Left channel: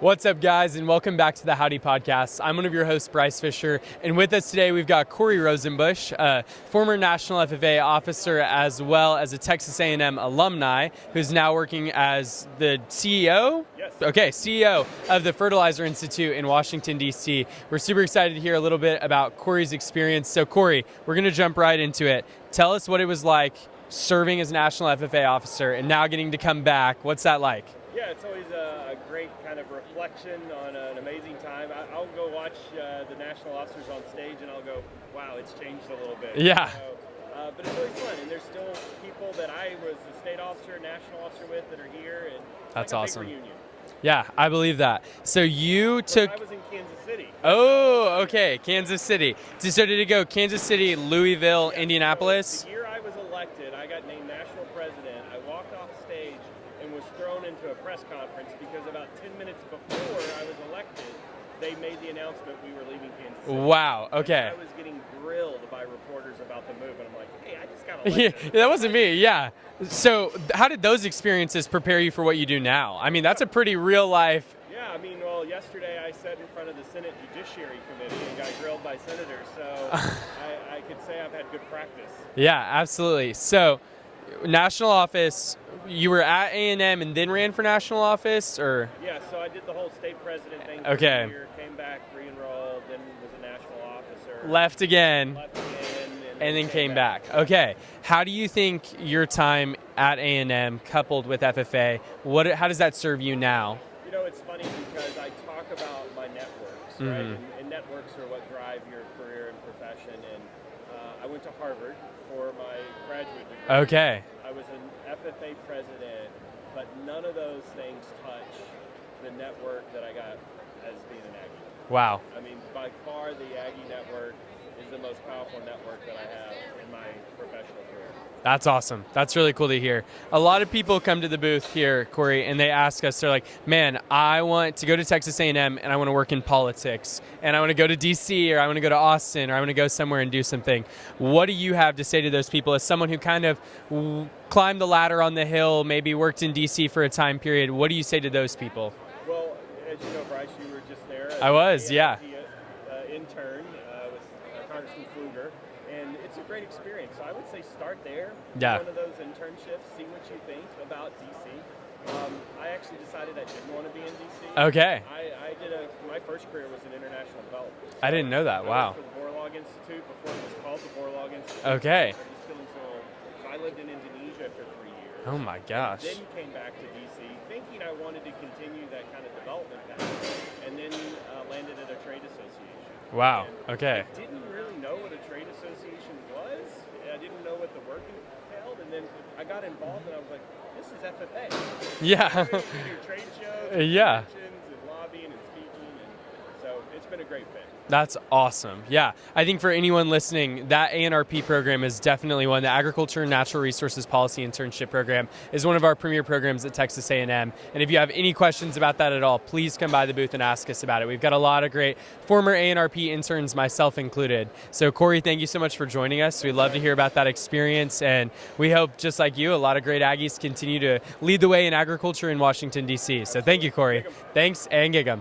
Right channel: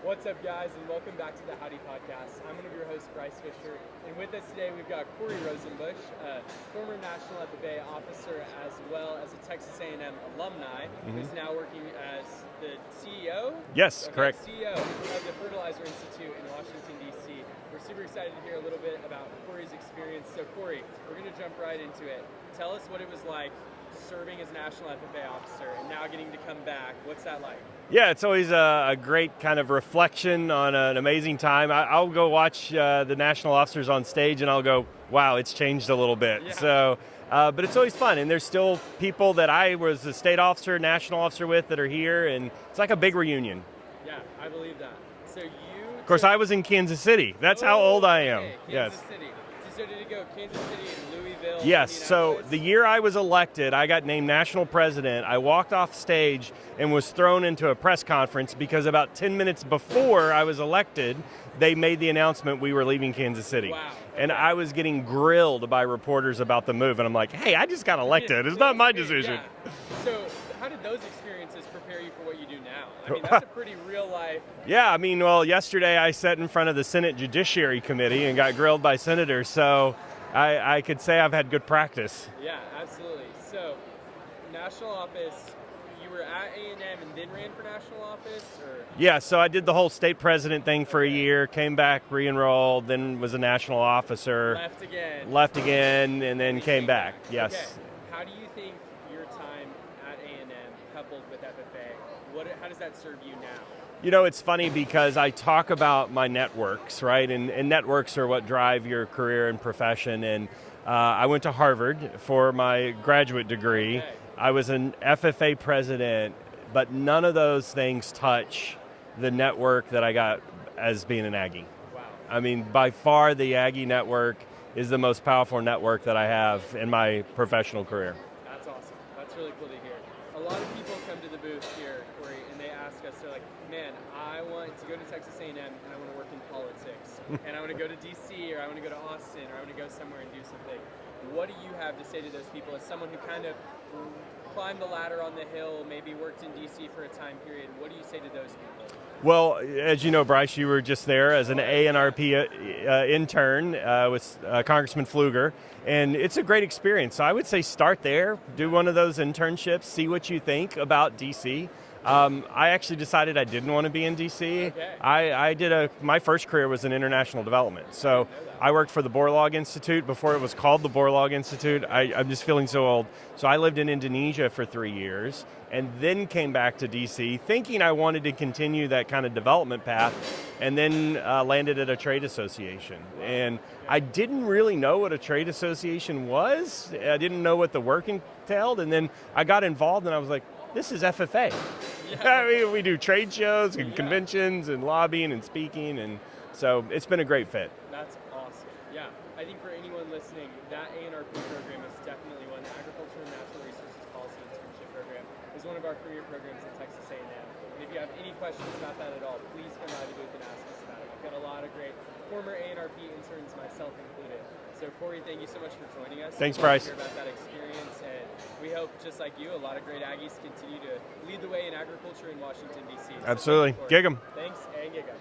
What's up, guys, and welcome back to the Howdy Podcast. I'm one of your hosts, Bryce Fisher, and with us today we've got Corey Rosenbusch, a former National FFA officer as well as a Texas A&M alumni, who's now working as the CEO? Yes. Okay, correct. CEO of the Fertilizer Institute in Washington, D.C. We're super excited to hear a little bit about Corey's experience. So, Corey, we're going to jump right into it. Tell us what it was like serving as National FFA officer and now getting to come back. What's that like? Yeah, it's always a great kind of reflection on an amazing time. I'll go watch the national officers on stage and I'll go, wow, it's changed a little bit. Yeah. So, but it's always fun. And there's still people that I was a state officer, national officer with that are here. And it's like a big reunion. Yeah, I believe that. So you Of course, I was in Kansas City. That's how old I am. Okay, Kansas City. So did it go Kansas City, Louisville, Yes, Indianapolis? So the year I was elected, I got named national president. I walked off stage and was thrown into a press conference because about 10 minutes before I was elected, they made the announcement we were leaving Kansas City. Wow, okay. And I was getting grilled by reporters about the move, and I'm like, hey, I just got elected. It's that not wasn't my me, decision. yeah. So how did those experiences prepare you for what you do now? I mean, that's a pretty real life. Yeah, I mean, well, yesterday I sat in front of the Senate Judiciary Committee and got grilled by senators, so I could say I've had good practice. Yeah, absolutely. So national office, you were at A&M and then ran for national office, or? Yeah, so I did the whole state president thing for Okay. a year, came back, re-enrolled, then was a national officer. Left again. And then came back. Yes. Okay. How do you think your time at A&M coupled with FFA, how does that serve you now? You know, it's funny because I talk about my networks, right? And networks are what drive your career and profession. And I went to Harvard for my graduate degree. Okay. I was an FFA president, but none of those things touch the network that I got as being an Aggie. Wow. I mean, by far the Aggie network is the most powerful network that I have in my professional career. That's awesome. That's really cool to hear. A lot of people come to the booth here, Corey, and they ask us, they're like, man, I want to go to Texas A&M and I want to work in politics and I want to go to DC or I want to go to Austin or I want to go somewhere and do something. What do you have to say to those people as someone who kind of climbed the ladder on the hill, maybe worked in DC for a time period? What do you say to those people? Well, as you know, Bryce, you were just there as ANRP intern with Congressman Pfluger, and it's a great experience. So I would say start there, do one of those internships, see what you think about DC. I actually decided I didn't want to be in DC. Okay. I did my first career was in international development. So I didn't know that. I Wow. worked for the Borlaug Institute before it was called the Borlaug Institute. Okay. I'm just feeling so old. So I lived in Indonesia for 3 years. Oh my gosh. And then came back to DC thinking I wanted to continue that kind of development path, and then landed at a trade association. Wow. And Okay. I didn't really know what a trade association was. I didn't know what the work entailed, and then I got involved and I was like, this is FFA. Yeah. I mean, we do trade shows and Yeah. conventions and lobbying and speaking, and so it's been a great fit. That's awesome. Yeah, I think for anyone listening, that ANRP program is definitely one. The Agriculture and Natural Resources Policy Internship Program is one of our premier programs at Texas A&M. And if you have any questions about that at all, please come by the booth and ask us about it. We've got a lot of great former ANRP interns, myself included. So Corey, thank you so much for joining us. Thanks, We'd love Bryce. to hear about that experience. And we hope, just like you, a lot of great Aggies continue to lead the way in agriculture in Washington, D.C. So thank you, Absolutely. Corey. Gig 'em. Thanks, and gig 'em.